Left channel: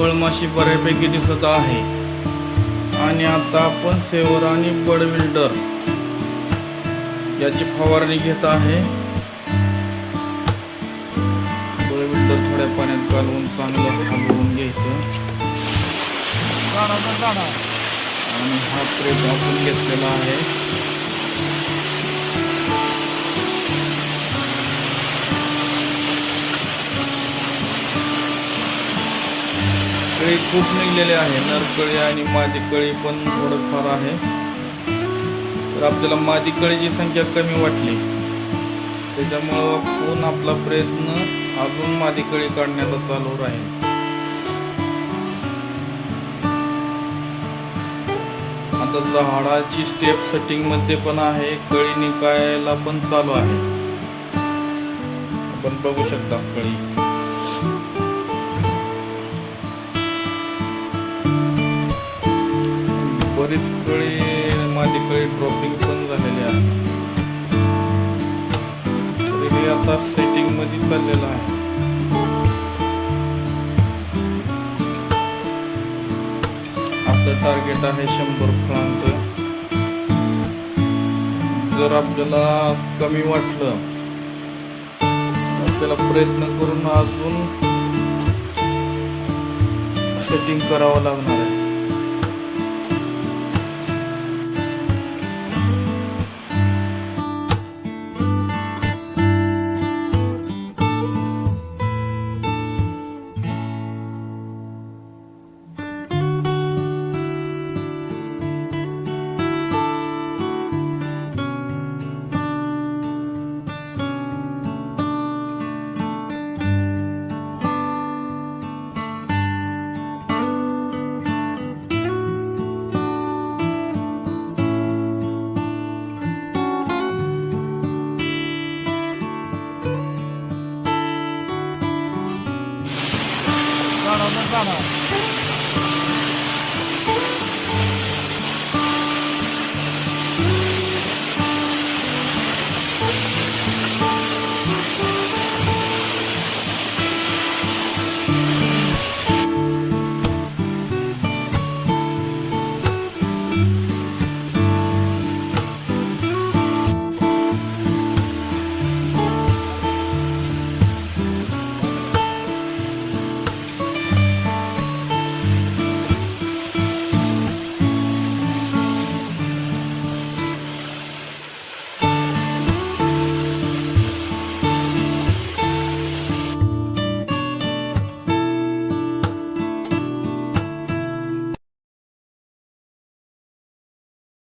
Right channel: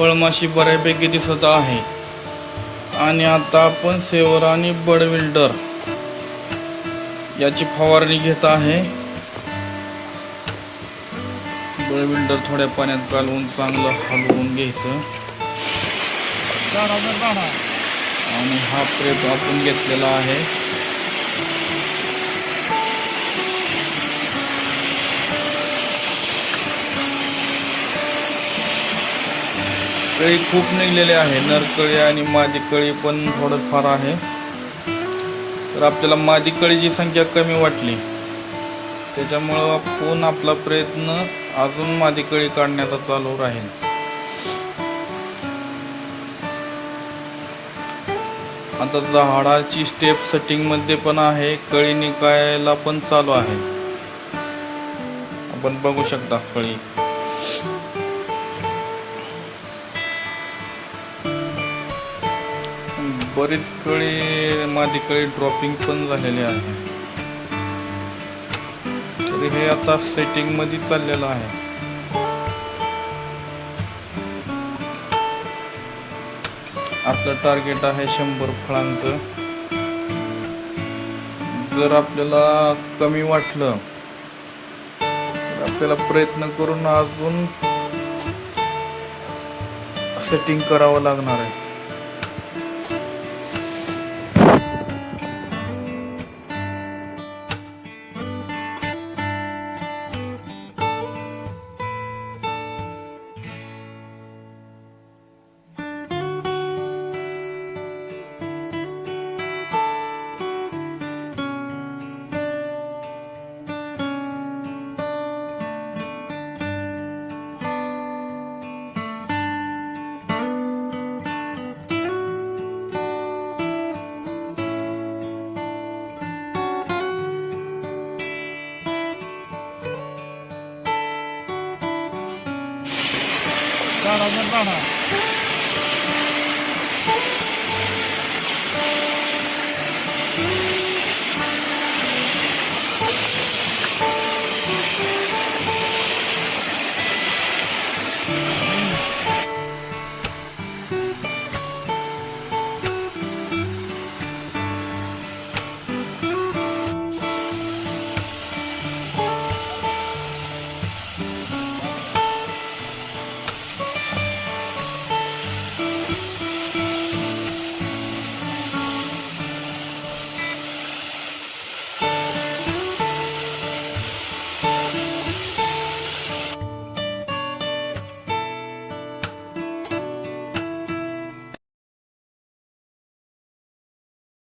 फळमाशी बऱ्यापैकी दिसत आहे. आणि आता आपण सेवर आणि बड विल्डर याची फवारणी घेत आहे. बड विल्डर थोड्या पाण्यात घालून चांगलं हलवून घ्यायचं आणि हा प्रेप आपण घेतलेला आहे. कळी खूप निघलेले आहे, नरकळी आणि मादी कळी पण थोडंफार आहे. तर आपल्याला मादी कळीची संख्या कमी वाटली, त्याच्यामुळं आपण आपला प्रयत्न अजून मादी कळी काढण्याचा चालू राहील. आता झाडाची स्टेप सेटिंग मध्ये पण आहे, कळी निकायला पण चालू आहे. आपण बघू शकता कळी बरीच कळी मादी कळी ड्रॉपिंग पण झालेली आहे. तर हे आता सेटिंग मध्ये चाललेलं आहे. आपलं टार्गेट आहे 100 फळांचं. जर आपल्याला कमी वाटलं तर आपल्याला प्रयत्न करून अजून सेटिंग करावं लागणार आहे. झाडा